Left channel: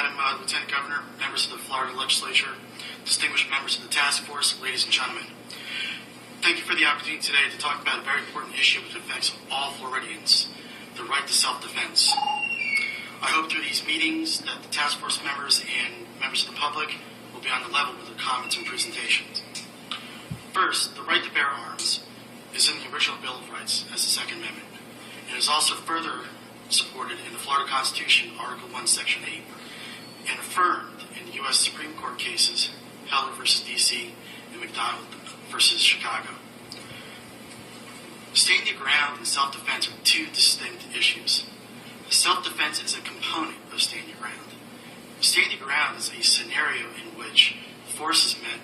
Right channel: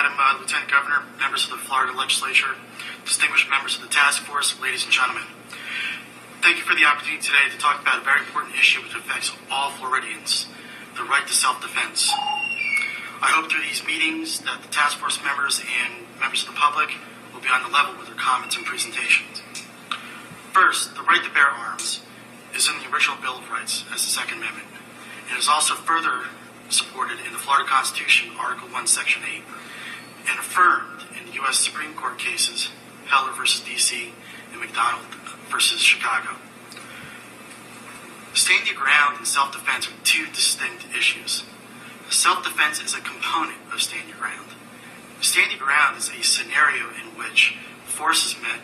Madam Lieutenant Governor, members of the Florida Legislature, distinguished members of the task force, ladies and gentlemen. Thank you for the opportunity today to talk about a very important issue which affects all Floridians, the right to self-defense. I hope through these meetings that the task force members and members of the public will be on the level with their comments and presentations. First, the right to bear arms is in the original Bill of Rights as the Second Amendment. It is also further supported in the Florida Constitution, Article 1, Section 8, and affirmed in U.S. Supreme Court cases, Heller v. D.C. and McDonald v. Chicago. Standing your ground and self-defense are two distinct issues. Self-defense is a component of standing your ground. Standing your ground is a scenario in which force is met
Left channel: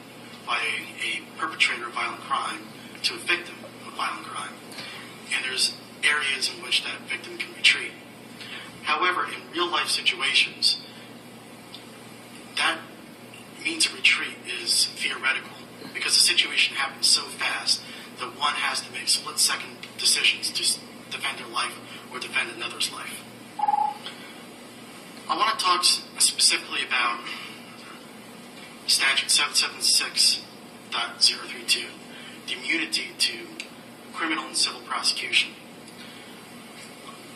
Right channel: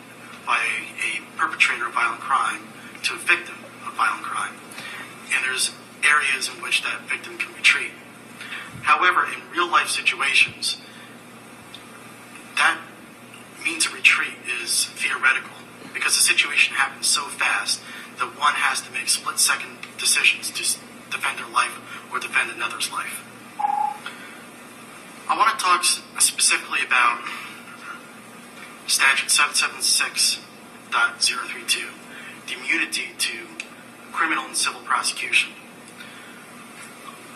by a perpetrator of violent crime to a victim of violent crime. And there's areas in which that victim can retreat. However, in real-life situations, that means of retreat is theoretical because the situation happens so fast that one has to make split-second decisions to defend their life or defend another's life. I want to talk specifically about Statute 776.032, the immunity to criminal and civil prosecution.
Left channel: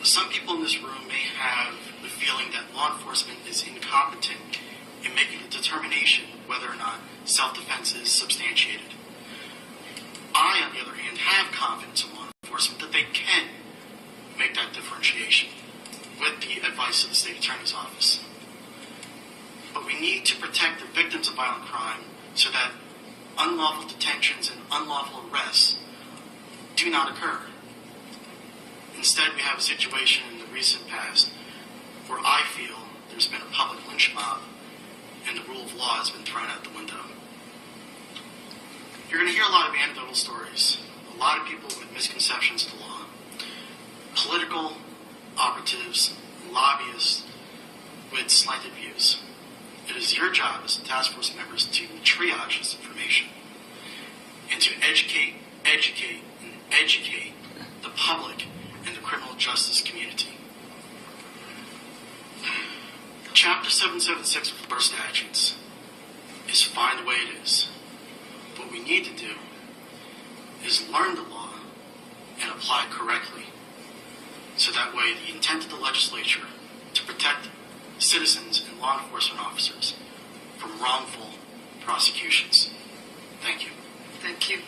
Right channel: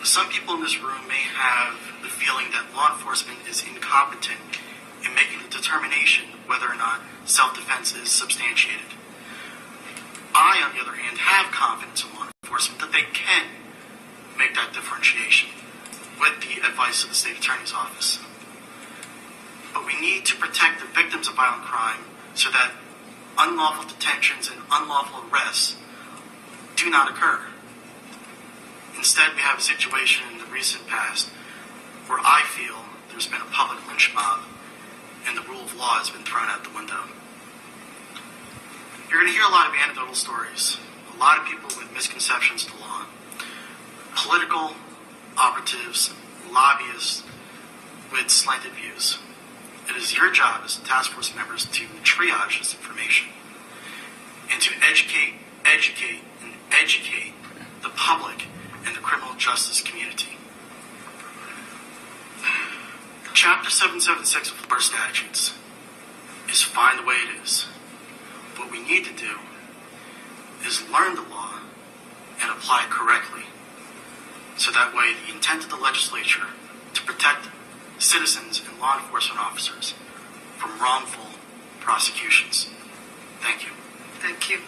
Some people in this room may have the feeling that law enforcement is incompetent in making the determination whether or not self-defense is substantiated. I, on the other hand, have confidence in law enforcement that they can make that differentiation with the advice of the State Attorney's Office. But we need to protect the victims of violent crime so that unlawful detentions and unlawful arrests do not occur. Instead, we have a situation in the recent past where I feel there's been a public lynch mob and the rule of law has been thrown out the window. You're going to hear a lot of anecdotal stories, a lot of people with misconceptions of the law, political operatives, lobbyists with slanted views. It is your job as task force members to triage this information and to educate the public and the criminal justice community. Chapter 776 of Florida statutes is fine the way it is. What we need to do is learn the law and apply it correctly, so that way the intent of the legislature to protect citizens and law enforcement officers from wrongful prosecutions. Thank you. Thank you.